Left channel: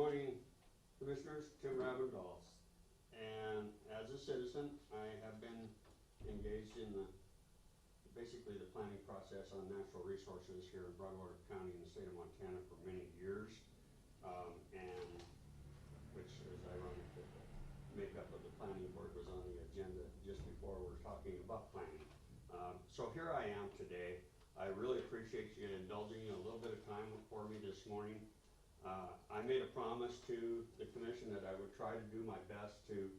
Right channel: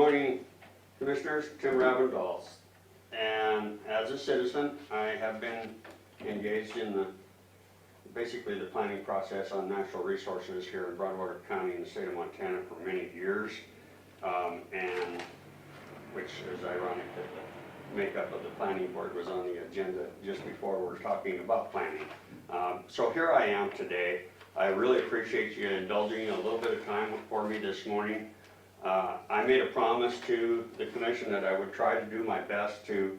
morning, Commissioners. Tim Ravendals. And as a citizen, I have been engaged in basically the planning process on natural resources here in Broadwater County in the state of Montana for many years, and which is ironic that the makeup of the planning board was on the agenda just before we're talking about planning. So here I am today. I really appreciate you indulging a little bit of time for me this morning. I made a promise to the commission that I would try to do my best to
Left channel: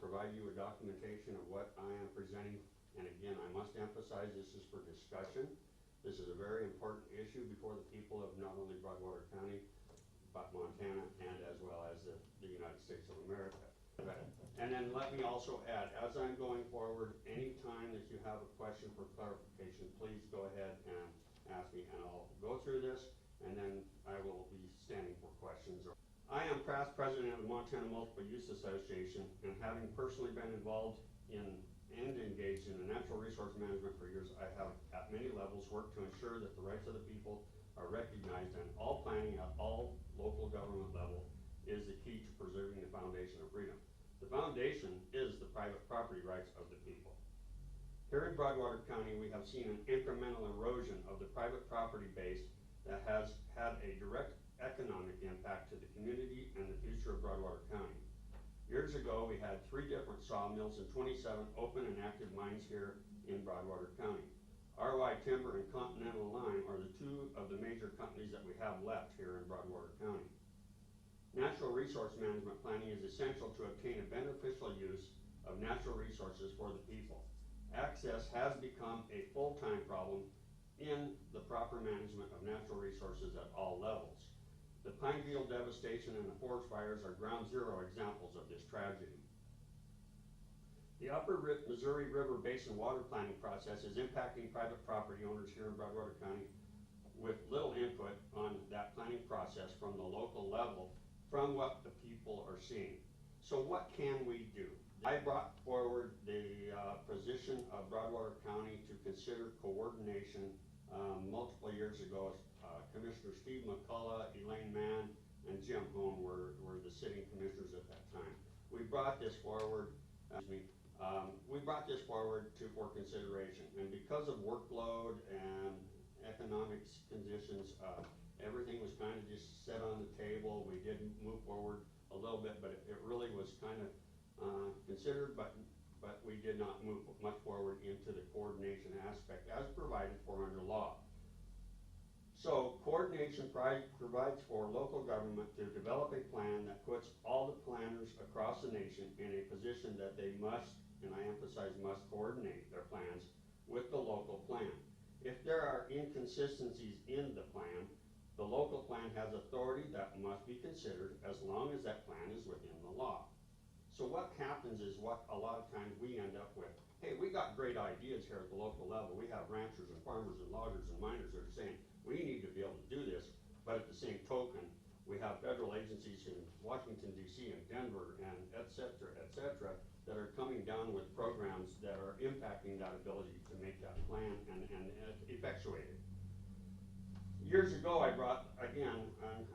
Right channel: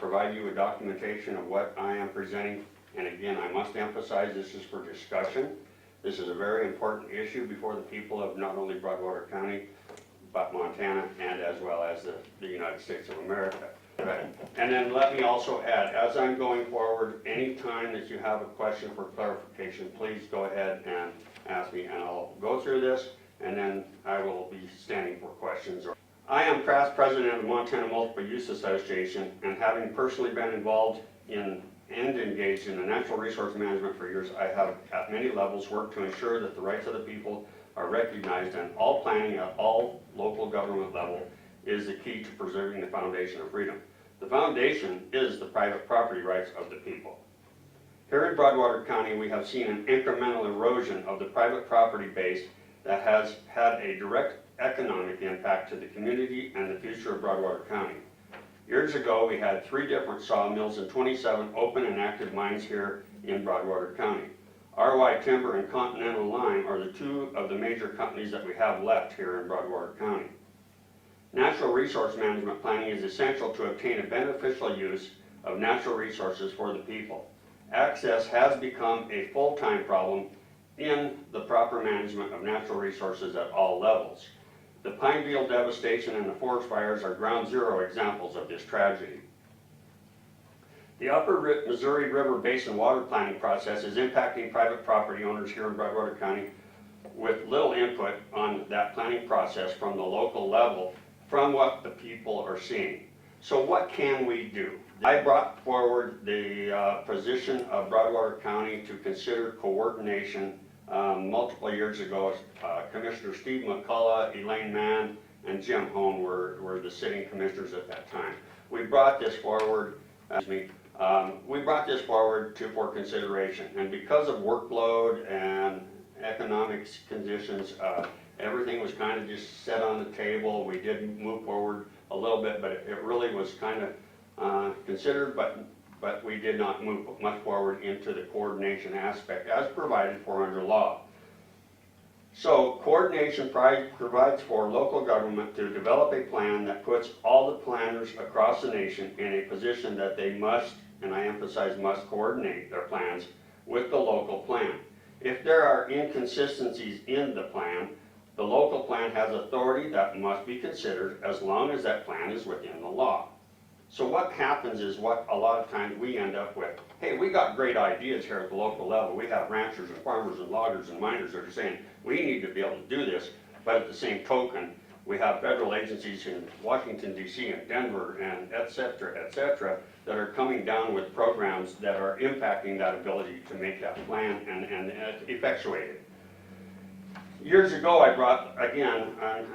provide you with documentation of what I am presenting. And again, I must emphasize this is for discussion. This is a very important issue before the people of not only Broadwater County, but Montana, and as well as the United States of America. And then let me also add, as I'm going forward, any time that you have a question for clarification, please go ahead and ask me, and I'll go through this, and then I will be standing for questions. I am past president of the Montana Multiple Use Association, and having personally been involved in and engaged in the natural resource management for years, I have at many levels worked to ensure that the rights of the people are recognized, and all planning at all local government level is the key to preserving the foundation of freedom. The foundation is the private property rights of the people. Here in Broadwater County, we have seen an incremental erosion of the private property base that has had a direct economic impact to the community and the future of Broadwater County. Years ago, we had 3 different sawmills and 27 open and active mines here in Broadwater County. RY Timber and Continental Lime are the 2 of the major companies that we have left here in Broadwater County. Natural resource management planning is essential to obtain a beneficial use of natural resources for the people. Access has become a full-time problem in the proper management of natural resources at all levels. The pine beetle devastation and the forest fires are ground zero examples of this tragedy. The Upper Missouri River Basin water planning process is impacting private property owners here in Broadwater County with little input on that planning process from the local level from what the people are seeing. So what can we do? I brought forward the position of Broadwater County to consider coordination multiple years ago. Commissioner Steve McCullough, Elaine Mann, and Jim Hone were the sitting commissioners at that time. We brought this forward, for consideration, and because of workload and economic conditions, everything was kind of just set on the table. We did move forward a little bit, but it really was kind of considered, but we did not move much forward into the coordination aspect as provided for under law. So coordination provides for local government to develop a plan that puts all the planners across the nation in a position that they must, and I emphasize must, coordinate their plans with the local plan. If there are inconsistencies in the plan, the local plan has authority that must be considered as long as that plan is within the law. So what happens is what a lot of times we end up with, hey, we got great ideas here at the local level. We have ranchers and farmers and loggers and miners that are saying, we need to be able to do this, but at the same token, we have federal agencies in Washington, D.C. and Denver and et cetera, that are coming down with programs that are impacting that ability to make that plan and effectuate it. Years ago, I brought, again, I'm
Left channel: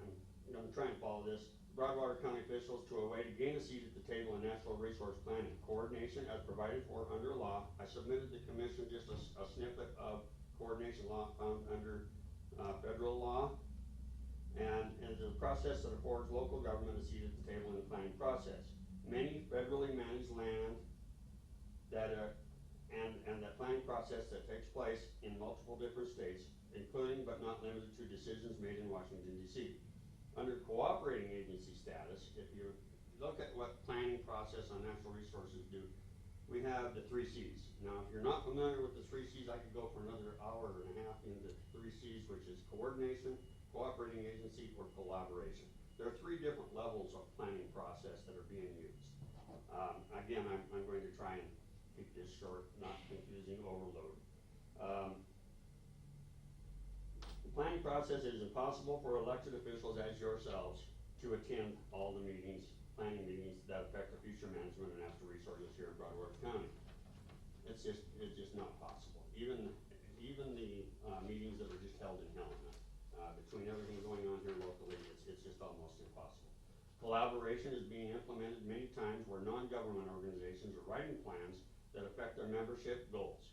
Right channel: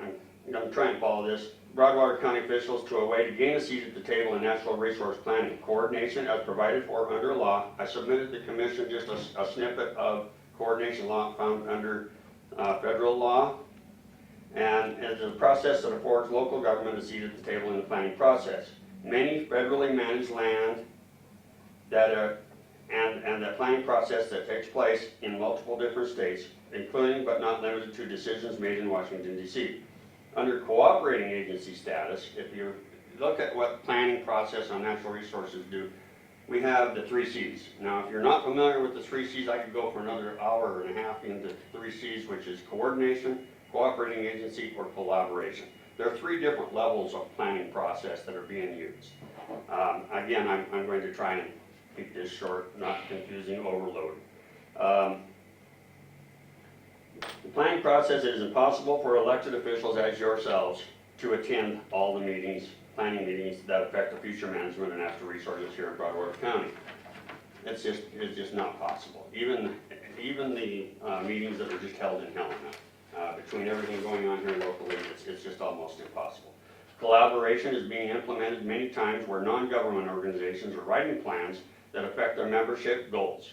going to try and follow this, Broadwater County officials to a way to gain a seat at the table in natural resource planning. Coordination as provided for under law. I submitted to the commission just a snippet of coordination law found under federal law. And it's a process that affords local government a seat at the table in the planning process. Many federally managed land and that planning process that takes place in multiple different states, including but not limited to decisions made in Washington, D.C. Under cooperating agency status, if you look at what planning process on natural resources do, we have the 3 C's. Now, if you're not familiar with the 3 C's, I could go for another hour and a half into 3 C's, which is coordination, cooperating agency, or collaboration. There are 3 different levels of planning process that are being used. Again, I'm going to try and keep this short, not confusing, overload. The planning process, it is impossible for elected officials as yourselves to attend all the meetings, planning meetings that affect the future management of natural resources here in Broadwater County. It's just not possible. Even the meetings that are just held in Helena. Between everything going on here locally, it's just almost impossible. Collaboration is being implemented many times where non-government organizations are writing plans that affect their membership goals.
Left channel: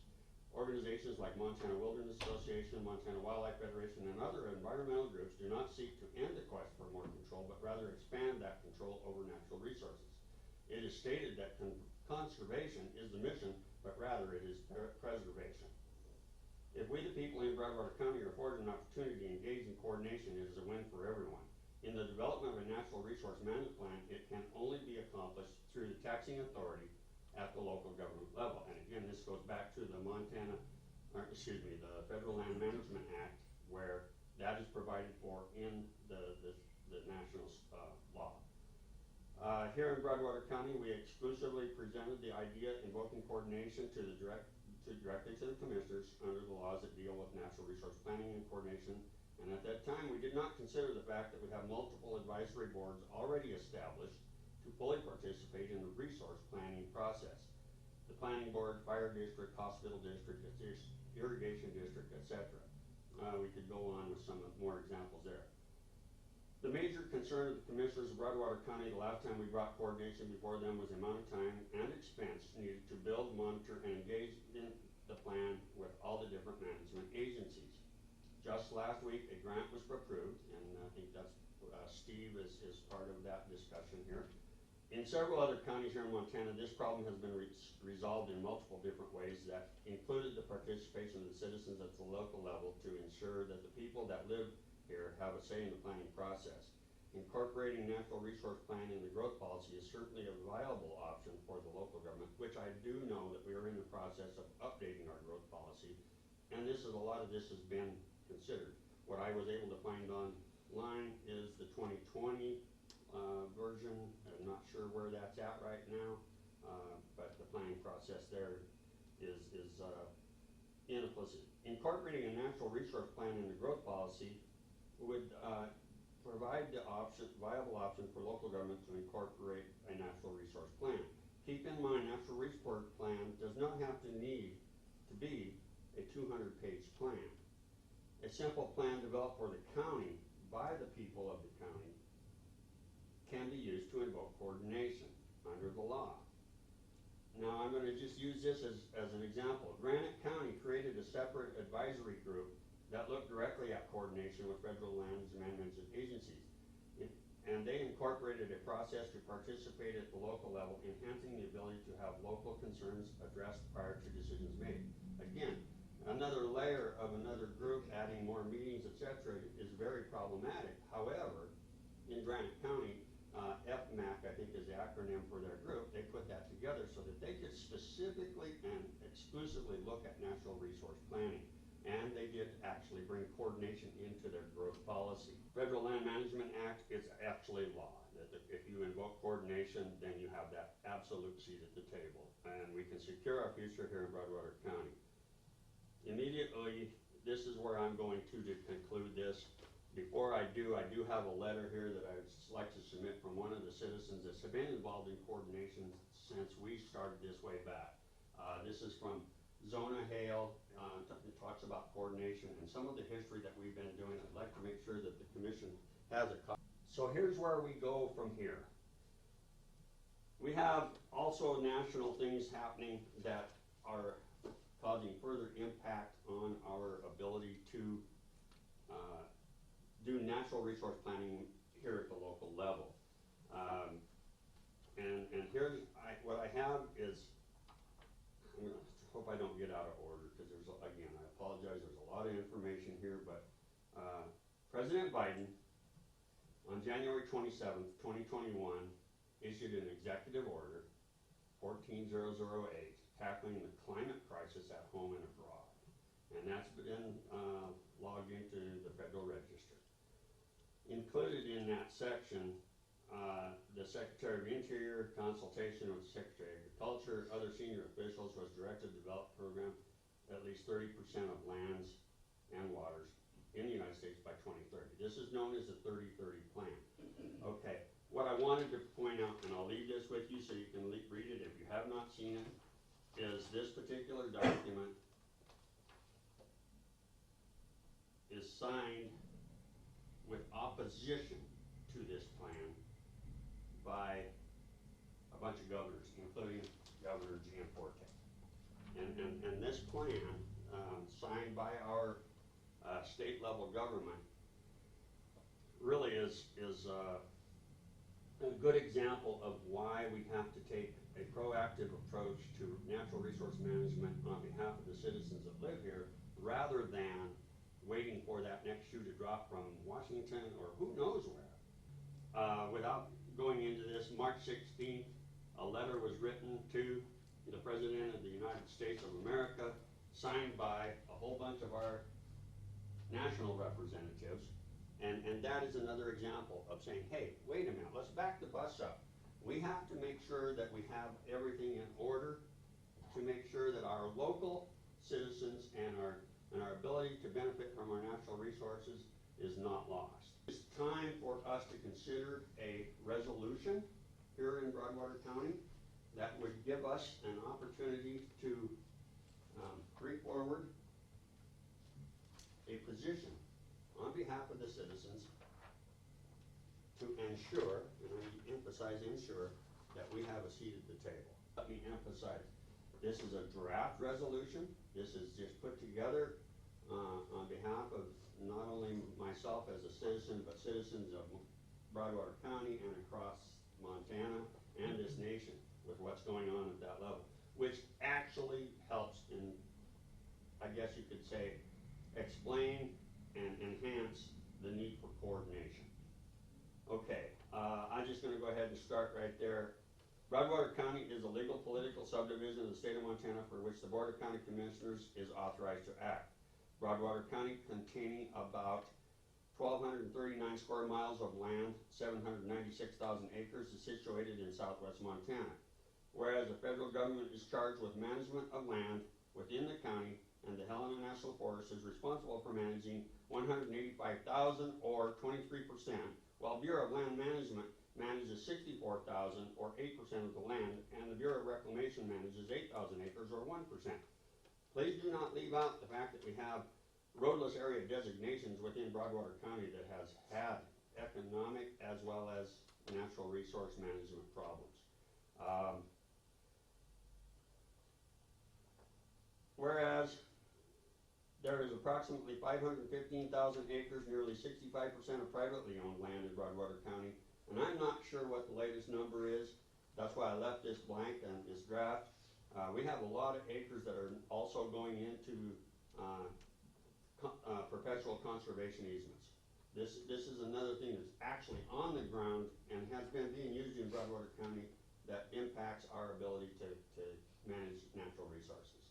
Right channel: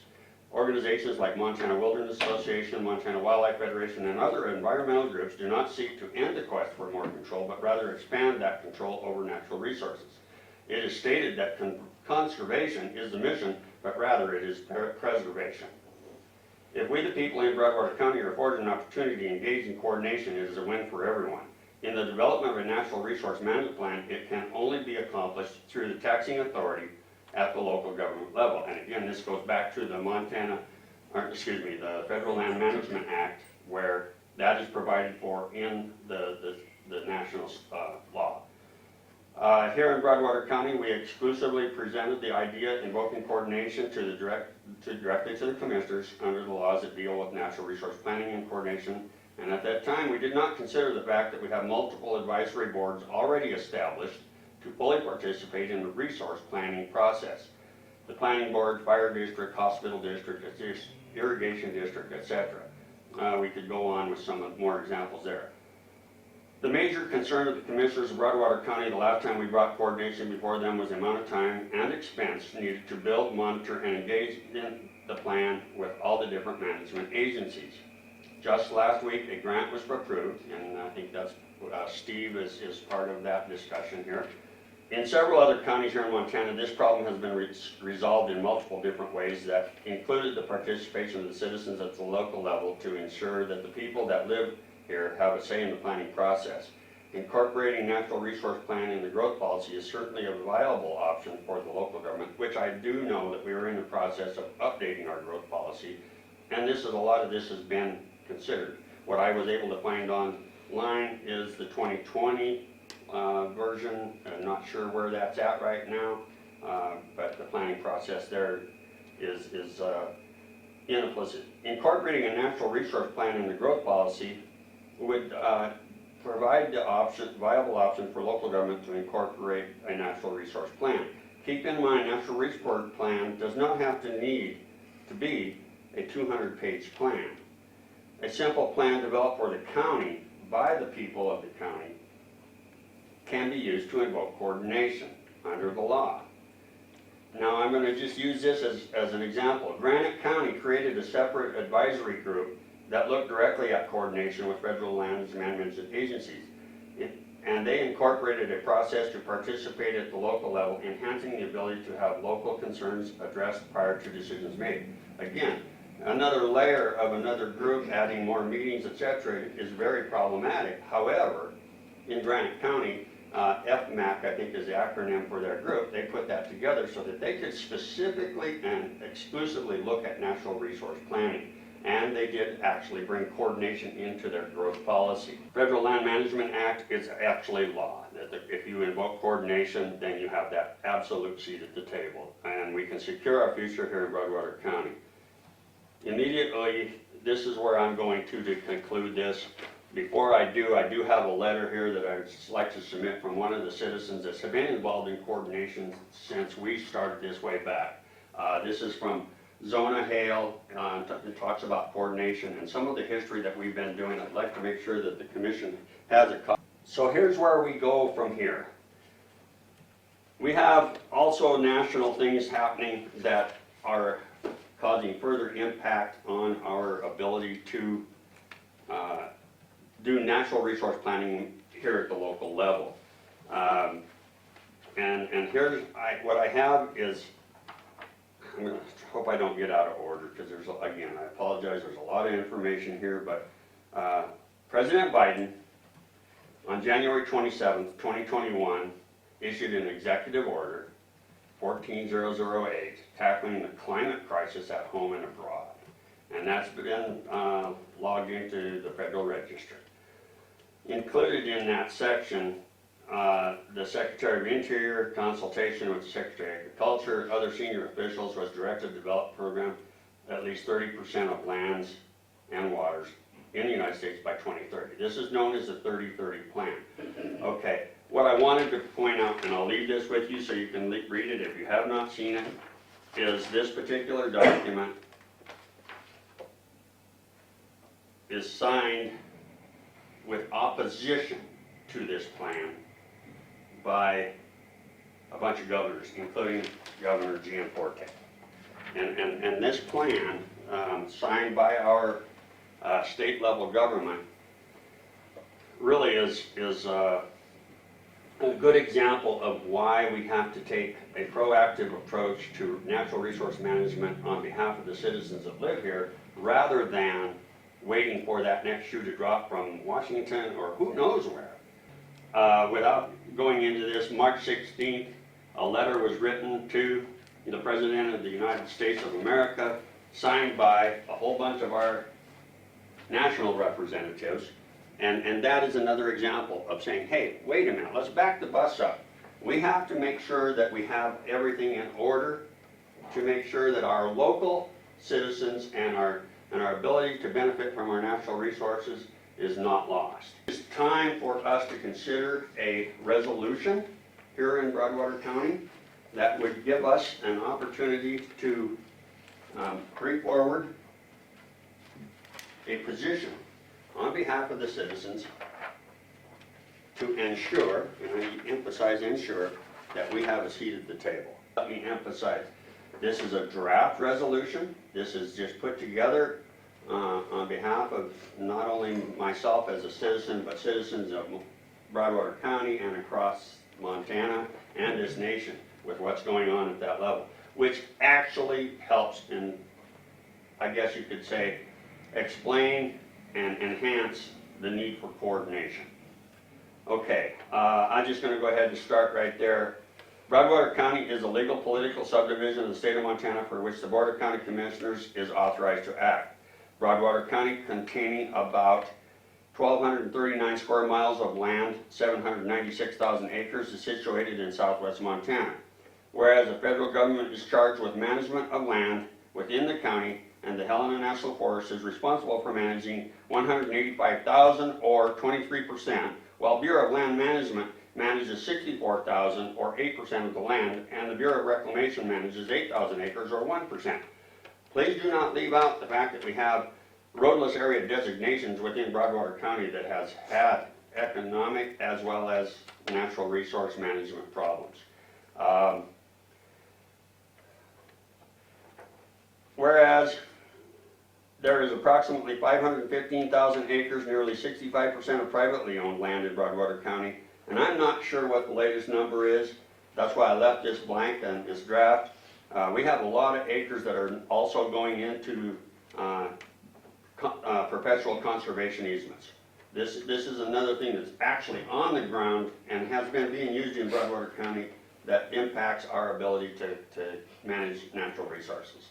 Organizations like Montana Wilderness Association, Montana Wildlife Federation, and other environmental groups do not seek to end the quest for more control, but rather expand that control over natural resources. It is stated that conservation is the mission, but rather it is preservation. If we, the people in Broadwater County, are afforded an opportunity to engage in coordination, it is a win for everyone. In the development of a natural resource management plan, it can only be accomplished through the taxing authority at the local government level. And again, this goes back to the the Federal Land Management Act, where that is provided for in the national law. Here in Broadwater County, we exclusively presented the idea invoking coordination directly to the commissioners under the laws that deal with natural resource planning and coordination. And at that time, we did not consider the fact that we have multiple advisory boards already established to fully participate in the resource planning process. The planning board, fire district, hospital district, irrigation district, etc. We could go on with some more examples there. The major concern of the commissioners of Broadwater County the last time we brought coordination before them was the amount of time and expense needed to build, monitor, and engage in the plan with all the different management agencies. Just last week, a grant was approved, and I think that's Steve is part of that discussion here. In several other counties here in Montana, this problem has been resolved in multiple different ways that included the participation of the citizens at the local level to ensure that the people that live here have a say in the planning process. Incorporating natural resource plan in the growth policy is certainly a viable option for the local government, which I do know that we are in the process of updating our growth policy, and a lot of this has been considered. What I was able to find online is the 2020 version. I'm not sure where that's at right now, but the planning process there is implicit. Incorporating a natural resource plan in the growth policy would provide the viable option for local government to incorporate a natural resource plan. Keep in mind, natural resource plan does not have to be a 200-page plan. A simple plan developed for the county by the people of the county can be used to invoke coordination under the law. Now I'm going to just use this as an example. Granite County created a separate advisory group that looked directly at coordination with federal land management agencies. And they incorporated a process to participate at the local level, enhancing the ability to have local concerns addressed prior to decisions made. Again, another layer of another group adding more meetings, etc. is very problematic. However, in Granite County, FMAC, I think is the acronym for their group, they put that together so that they could specifically and exclusively look at natural resource planning. And they did actually bring coordination into their growth policy. Federal Land Management Act is actually law. If you invoke coordination, then you have that absolute seat at the table. And we can secure our future here in Broadwater County. Immediately, this is where I'm going to conclude this. Before I do have a letter here that I'd like to submit from one of the citizens that's been involved in coordination since we started this way back. This is from Zona Hale. It talks about coordination and some of the history that we've been doing. I'd like to make sure that the commission has a copy. So here's where we go from here. We have also national things happening that are causing further impact on our ability to do natural resource planning here at the local level. And here's what I have is, I'm going to hope I don't get out of order because again, I apologize, there's a lot of information here, but President Biden on January 27th, 2021 issued an executive order 14008 tackling the climate crisis at home and abroad. And that's been logged into the Federal Register. Included in that section, the Secretary of Interior, consultation with the Secretary of Agriculture, other senior officials, was directed to develop a program at least 30% of lands and waters in the United States by 2030. This is known as the 30-30 plan. Okay, what I wanted to point out, and I'll leave this with you so you can read it if you have not seen it, is this particular document is signed with opposition to this plan by a bunch of governors, including Governor Gianforte. And this plan, signed by our state level government, really is a good example of why we have to take a proactive approach to natural resource management on behalf of the citizens that live here, rather than waiting for that next shoe to drop from Washington or who knows where. Without going into this, March 16th, a letter was written to the President of the United States of America, signed by a whole bunch of our national representatives. And that is another example of saying, hey, wait a minute, let's back the bus up. We have to make sure that we have everything in order to make sure that our local citizens and our ability to benefit from our natural resources is not lost. It's time for us to consider a resolution here in Broadwater County that would give us an opportunity to bring forward a position on behalf of the citizens to ensure, and I emphasize ensure, that we have a seat at the table. Let me emphasize, this is a draft resolution. This is just put together on behalf of not only myself as a citizen, but citizens of Broadwater County and across Montana and this nation with what's going on at that level, which actually helps in, I guess you could say, explain and enhance the need for coordination. Okay, I'm just going to go ahead and start right there. Broadwater County is a legal political subdivision of the state of Montana for which the Board of County Commissioners is authorized to act. Broadwater County, containing about 1,239 square miles of land, 796,000 acres, is situated in southwest Montana. Whereas the federal government is charged with management of land within the county, and the Helena National Forest is responsible for managing 185,000 or 23%, while Bureau of Land Management manages 64,000 or 8% of the land, and the Bureau of Reclamation manages 8,000 acres or 1%. Please do not leave out the fact that we have roadless area designations within Broadwater County that has had economic as well as natural resource management problems. Whereas there is approximately 515,000 acres, nearly 65% of privately owned land in Broadwater County, and I'm not sure what the latest number is. That's why I left this blank and this draft. We have a lot of acres that are also going into perpetual conservation easements. This is another thing that's actually on the ground and has been being used in Broadwater County that impacts our ability to manage natural resources,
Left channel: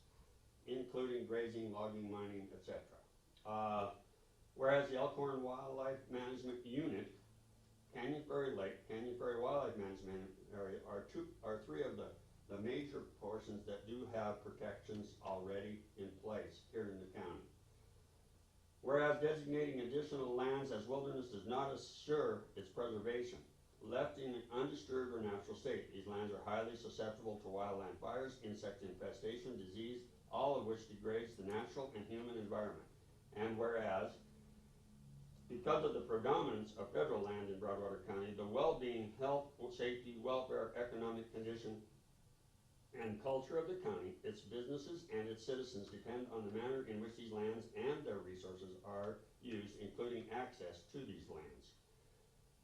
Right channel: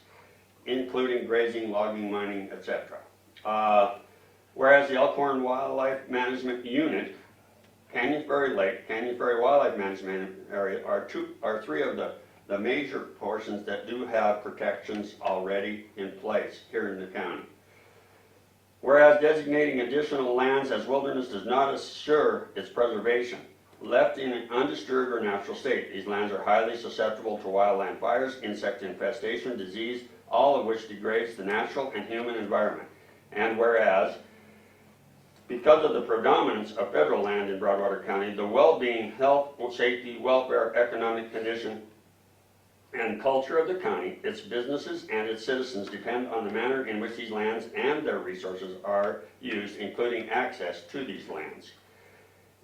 including grazing, logging, mining, etc. Whereas the Elkhorn Wildlife Management Unit, Canyon Ferry Lake, Canyon Ferry Wildlife Management Area are three of the major portions that do have protections already in place here in the county. Whereas designating additional lands as wilderness does not assure its preservation. Left in an undisturbed or natural state, these lands are highly susceptible to wildland fires, insect infestation, disease, all of which degrades the natural and human environment. And whereas, because of the predominance of federal land in Broadwater County, the well-being, health, safety, welfare, economic condition, and culture of the county, its businesses, and its citizens depend on the manner in which these lands and their resources are used, including access to these lands.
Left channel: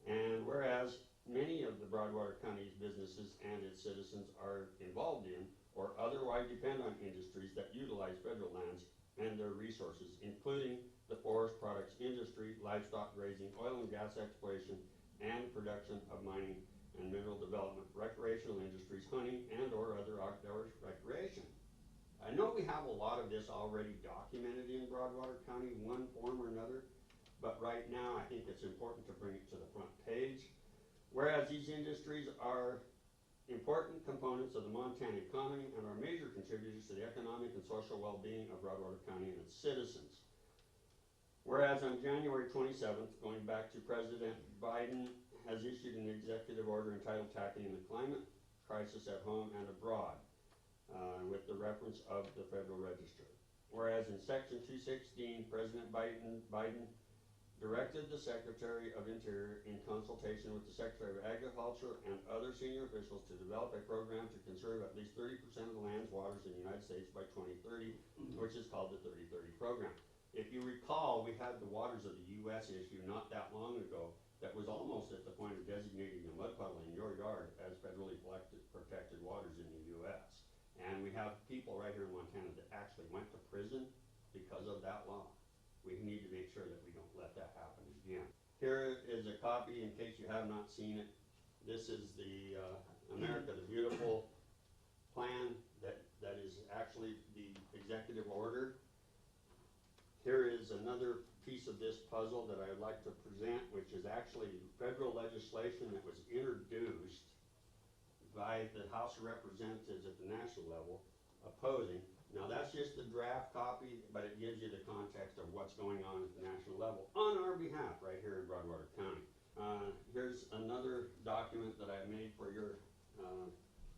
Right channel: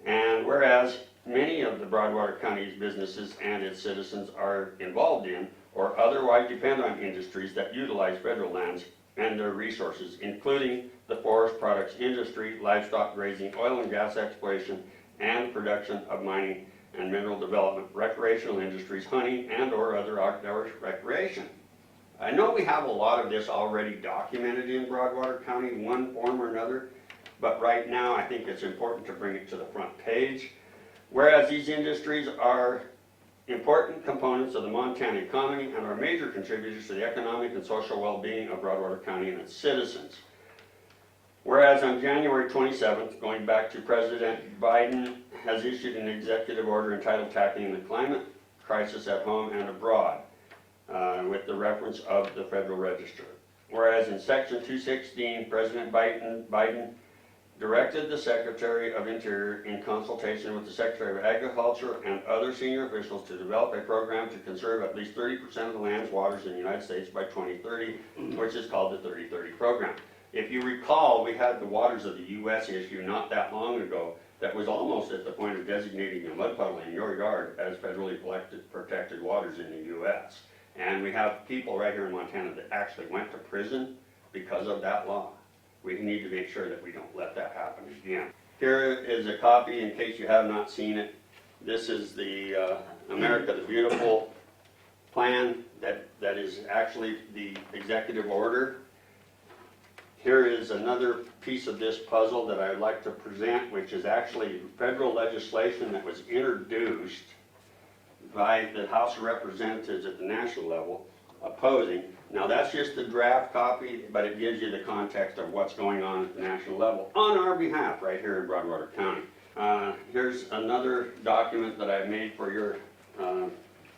And whereas many of the Broadwater County's businesses and its citizens are involved in or otherwise depend on industries that utilize federal lands and their resources, including the forest products industry, livestock grazing, oil and gas exploration, and production of mining and mineral development, recreational industries, hunting, and or other outdoor recreation. I know we have a lot of this already documented in Broadwater County in one form or another, but right now I think it's important to bring it to the front page. Whereas these industries are important components of the Montana economy and are major contributors to the economic and social well-being of Broadwater County and its citizens. Whereas on January 27th, going back to President Biden, has issued an executive order entitled Tackling the Climate Crisis at Home and Abroad, with the reference of the Federal Register. Whereas in Section 216, President Biden directed the Secretary of Interior in consultation with the Secretary of Agriculture and other senior officials to develop a program to conserve at least 30% of the land's waters in the United States by 2030, which is called the 3030 program. If you recall, we had the Waters of the U.S. issue not that long ago that was almost at the point of designating a mud puddle in your yard as federally protected waters in the U.S. And we have people right here in Montana that actually went to prison because of that law. We need to make sure that we don't let that happen again. Here is a copy in case you have not seen it. This is the America the Beautiful plan that is actually the executive order. Here is another piece of this puzzle that I'd like to present, which is actually federal legislation that was introduced by the House of Representatives at the national level opposing. Now that's just the draft copy, but it gives you the context of what's going on at the national level on our behalf right here in Broadwater County. Here's another document that I made for your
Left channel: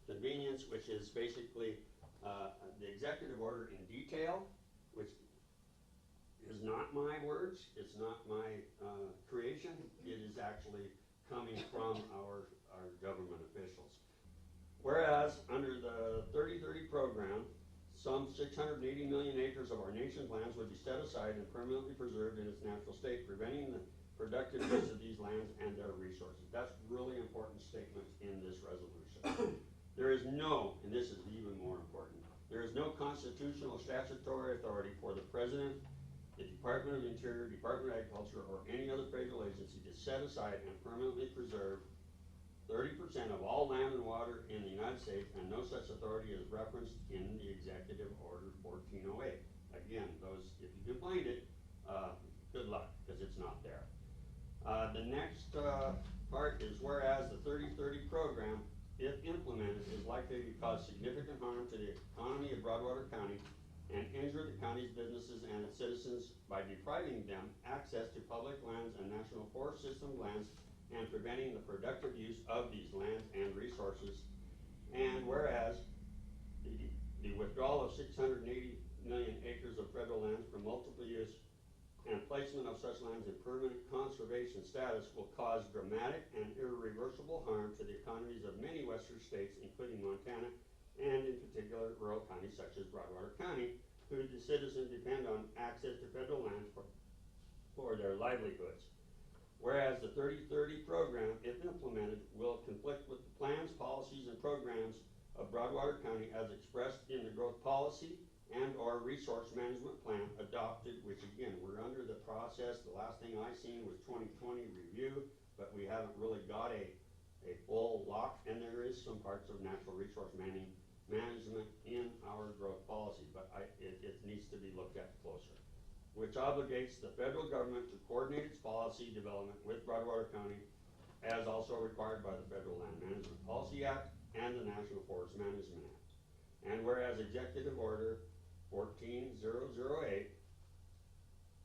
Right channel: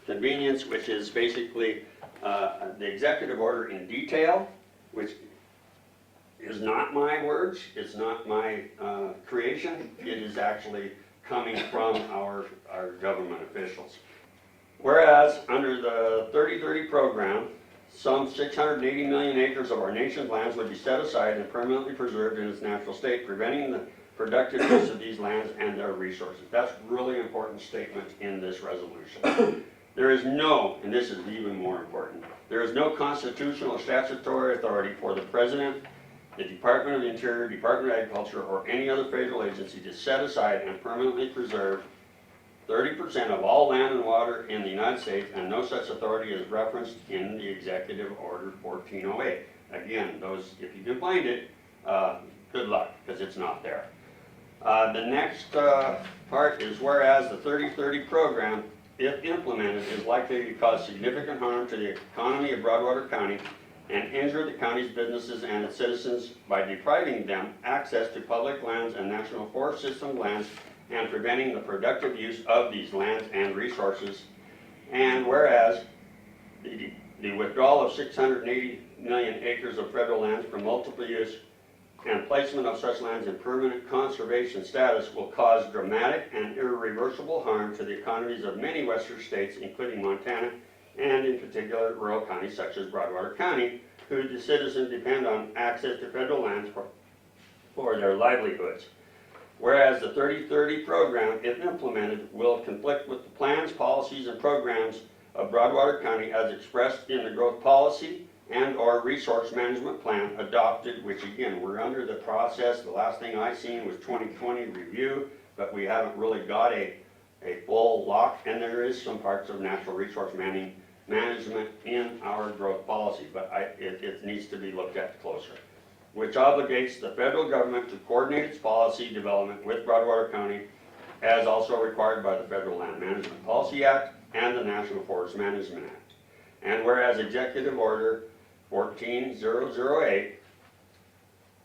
convenience, which is basically the executive order in detail, which is not my words, it's not my creation, it is actually coming from our government officials. Whereas under the 3030 program, some 680 million acres of our nation's lands would be set aside and permanently preserved in its natural state, preventing the productive use of these lands and their resources. That's a really important statement in this resolution. There is no, and this is even more important, there is no constitutional or statutory authority for the President, the Department of the Interior, Department of Agriculture, or any other federal agency to set aside and permanently preserve 30% of all land and water in the United States, and no such authority is referenced in the Executive Order 1408. Again, those, if you can find it, good luck, because it's not there. The next part is whereas the 3030 program, if implemented, is likely to cause significant harm to the economy of Broadwater County and injure the county's businesses and its citizens by depriving them access to public lands and national forest system lands and preventing the productive use of these lands and resources. And whereas the withdrawal of 680 million acres of federal lands from multiple use and placement of such lands in permanent conservation status will cause dramatic and irreversible harm to the economies of many western states, including Montana, and in particular rural counties such as Broadwater County, whose citizens depend on access to federal lands for their livelihoods. Whereas the 3030 program, if implemented, will conflict with the plans, policies, and programs of Broadwater County as expressed in the growth policy and or resource management plan adopted, which again, we're under the process. The last thing I seen was 2020 review, but we haven't really got a full lock, and there is some parts of natural resource management in our growth policy, but it needs to be looked at closer, which obligates the federal government to coordinate its policy development with Broadwater County as also required by the Federal Land Management Policy Act and the National Forest Management Act. And whereas Executive Order 14008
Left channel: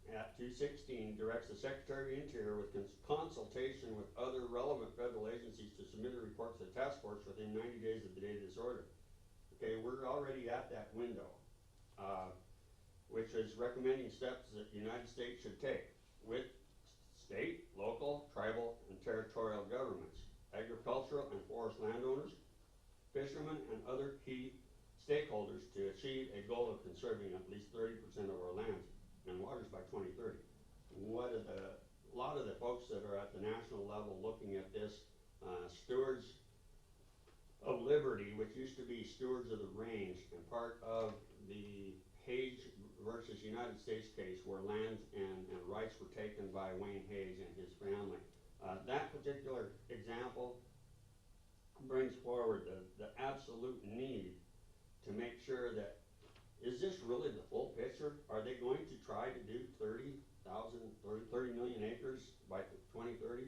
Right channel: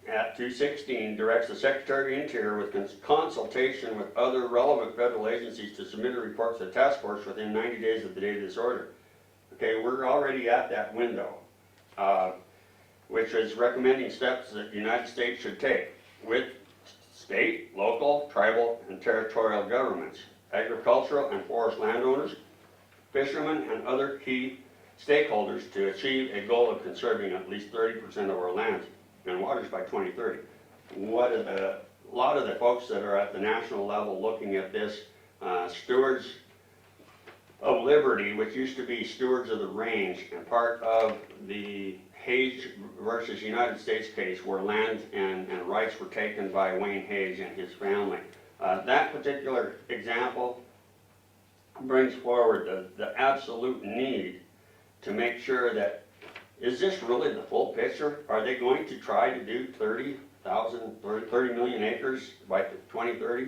at 216 directs the Secretary of the Interior with consultation with other relevant federal agencies to submit a report to the task force within 90 days of the date of this order. Okay, we're already at that window, which is recommending steps that the United States should take with state, local, tribal, and territorial governments, agricultural and forest landowners, fishermen, and other key stakeholders to achieve a goal of conserving at least 30% of our lands and waters by 2030. A lot of the folks that are at the national level looking at this, stewards of Liberty, which used to be stewards of the range, and part of the Hage versus United States case where land and rights were taken by Wayne Hage and his family. That particular example brings forward the absolute need to make sure that, is this really the full picture? Are they going to try to do 30 million acres by 2030?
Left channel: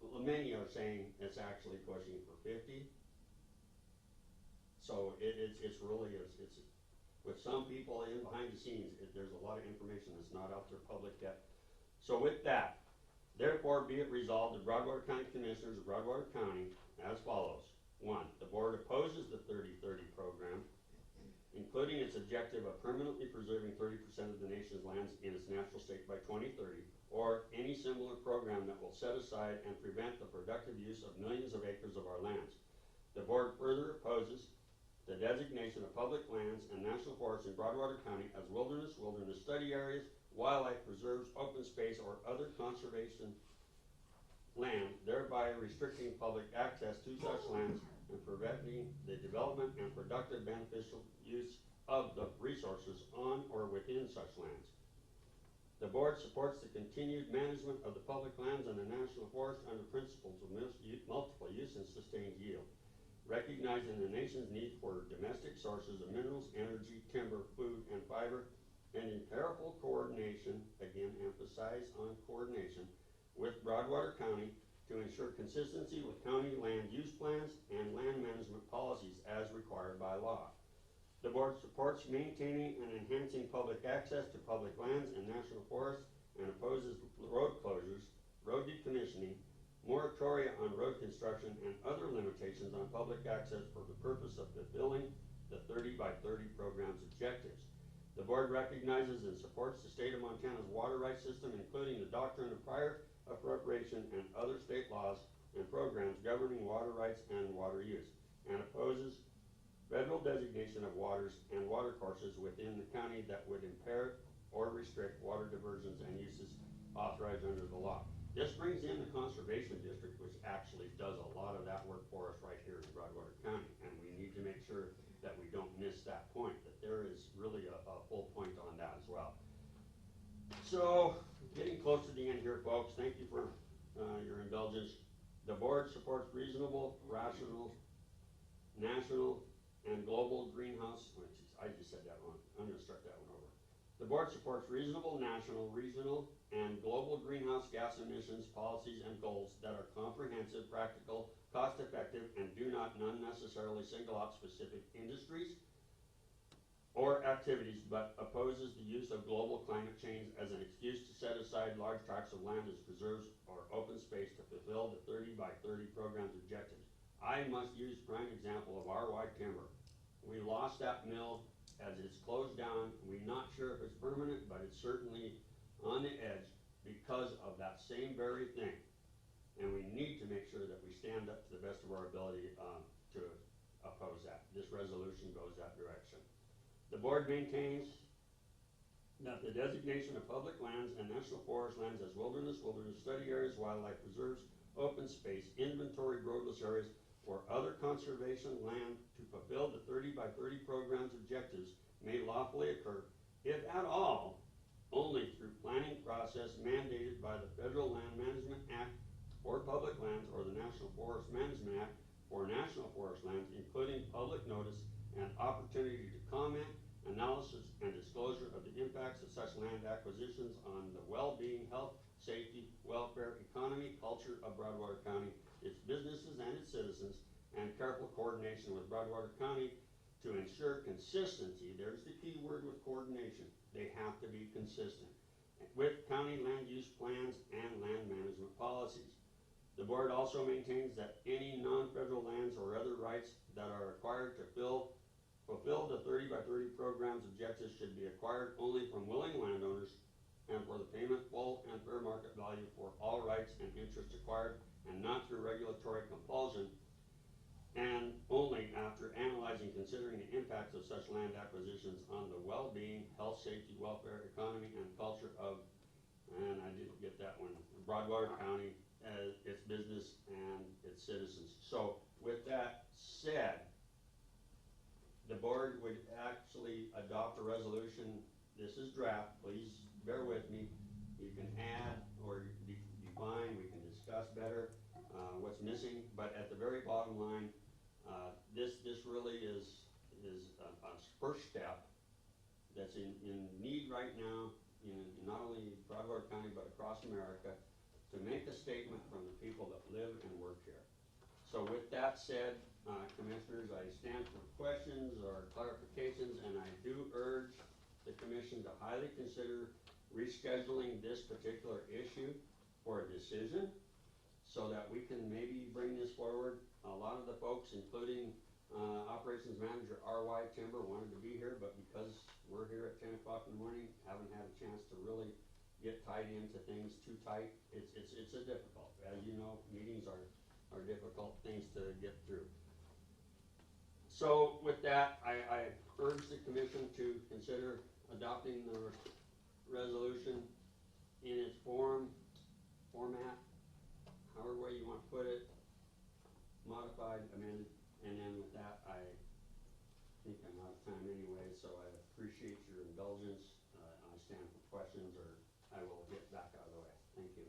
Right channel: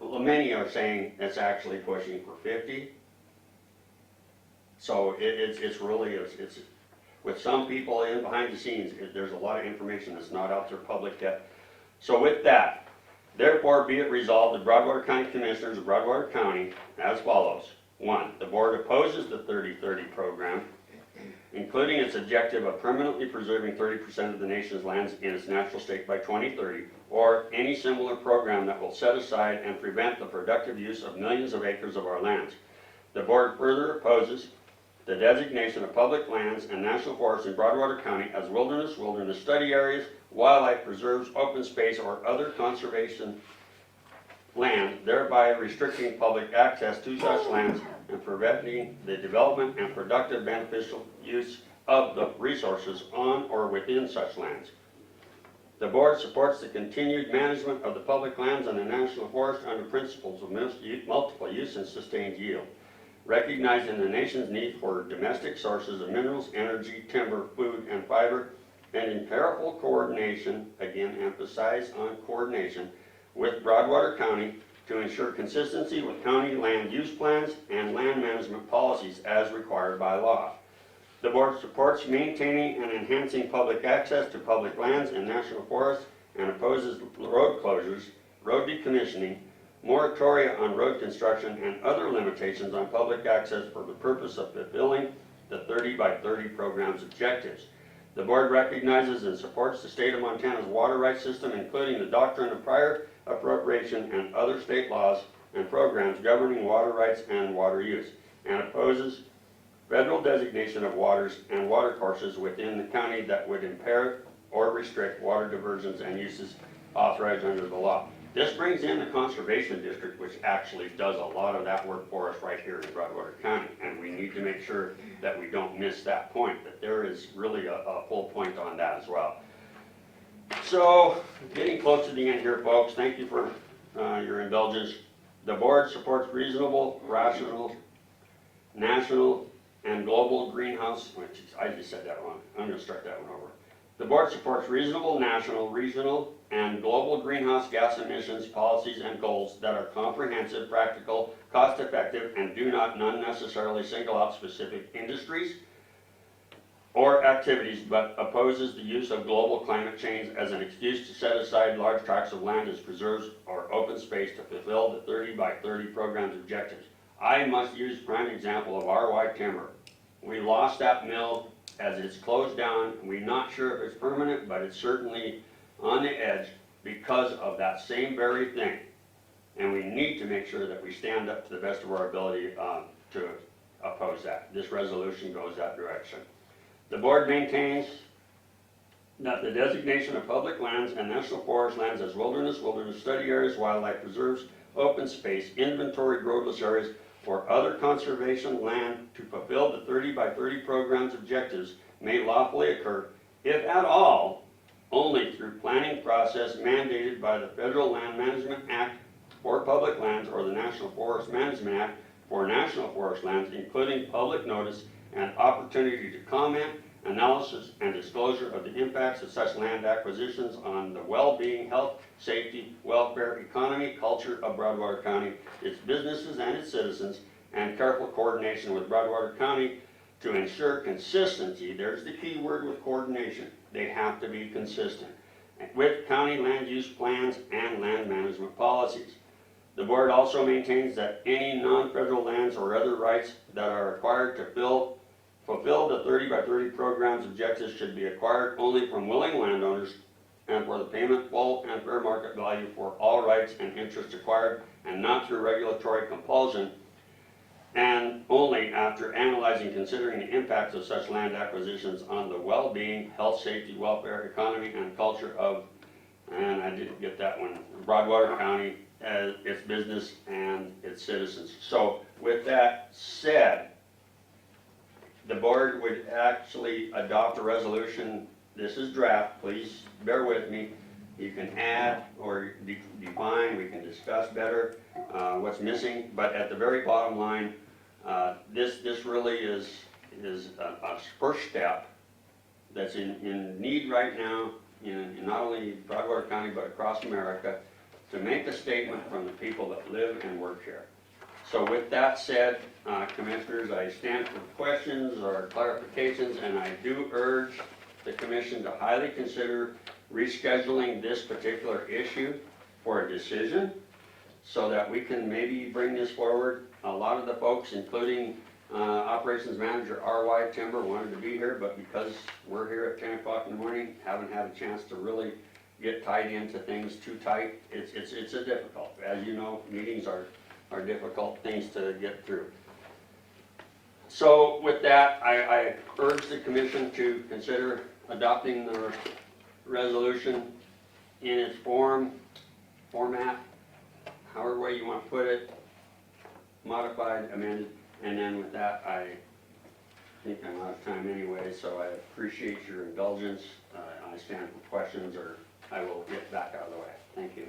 Well, many are saying it's actually pushing for 50. So it's really, with some people in behind the scenes, there's a lot of information that's not out there public yet. So with that, therefore be it resolved, the Broadwater County Commissioners of Broadwater County as follows. 1, the board opposes the 3030 program including its objective of permanently preserving 30% of the nation's lands in its natural state by 2030, or any similar program that will set aside and prevent the productive use of millions of acres of our lands. The board further opposes the designation of public lands and national forests in Broadwater County as wilderness, wilderness study areas, wildlife preserves, open space, or other conservation land, thereby restricting public access to such lands and preventing the development and productive beneficial use of the resources on or within such lands. The board supports the continued management of the public lands and the national forest under principles of multiple use and sustained yield, recognizing the nation's need for domestic sources of minerals, energy, timber, food, and fiber, and in careful coordination, again emphasize on coordination, with Broadwater County to ensure consistency with county land use plans and land management policies as required by law. The board supports maintaining and enhancing public access to public lands and national forests and opposes road closures, road decommissioning, moratoria on road construction, and other limitations on public access for the purpose of fulfilling the 30 by 30 program's objectives. The board recognizes and supports the state of Montana's water rights system, including the doctrine of prior appropriation and other state laws and programs governing water rights and water use, and opposes federal designation of waters and water courses within the county that would impair or restrict water diversions and uses authorized under the law. This brings in the Conservation District, which actually does a lot of that work for us right here in Broadwater County, and we need to make sure that we don't miss that point, that there is really a full point on that as well. So, getting close to the end here, folks, thank you for your indulgence. The board supports reasonable, rational, national, and global greenhouse, which I just said that wrong. I'm going to start that one over. The board supports reasonable, national, regional, and global greenhouse gas emissions policies and goals that are comprehensive, practical, cost-effective, and do not unnecessarily single out specific industries or activities, but opposes the use of global climate change as an excuse to set aside large tracts of land as preserves or open space to fulfill the 30 by 30 program's objectives. I must use prime example of RY Timber. We lost that mill as it's closed down. We're not sure if it's permanent, but it's certainly on the edge because of that same very thing. And we need to make sure that we stand up to the best of our ability to oppose that. This resolution goes that direction. The board maintains that the designation of public lands and national forest lands as wilderness, wilderness study areas, wildlife preserves, open space, inventory roadless areas, or other conservation land to fulfill the 30 by 30 program's objectives may lawfully occur, if at all, only through planning process mandated by the Federal Land Management Act for public lands or the National Forest Management Act for national forest lands, including public notice and opportunity to comment, analysis, and disclosure of the impacts of such land acquisitions on the well-being, health, safety, welfare, economy, culture of Broadwater County, its businesses and its citizens, and careful coordination with Broadwater County to ensure consistency. There's the key word with coordination. They have to be consistent with county land use plans and land management policies. The board also maintains that any non-federal lands or other rights that are acquired to fulfill the 30 by 30 program's objectives should be acquired only from willing landowners and for the payment full and fair market value for all rights and interests acquired, and not through regulatory compulsion, and only after analyzing and considering the impacts of such land acquisitions on the well-being, health, safety, welfare, economy, and culture of, and I didn't get that one, Broadwater County, as its business and its citizens. So with that said, the board would actually adopt a resolution. This is draft, please bear with me. You can add or define, we can discuss better what's missing, but at the very bottom line, this really is a first step that's in need right now in not only Broadwater County but across America, to make a statement from the people that live and work here. So with that said, Commissioners, I stand for questions or clarifications, and I do urge the Commission to highly consider rescheduling this particular issue for a decision so that we can maybe bring this forward. A lot of the folks, including Operations Manager R.Y. Timber wanted to be here, but because we're here at 10 o'clock in the morning, haven't had a chance to really get tied into things too tight. It's a difficult, as you know, meetings are difficult things to get through. So with that, I urge the commission to consider adopting the resolution in its format, however way you want to put it, modified, amended, and then with that, I think I'm out of time anyway, so I appreciate your indulgence. I stand for questions, or I will get back out of the way. Thank you.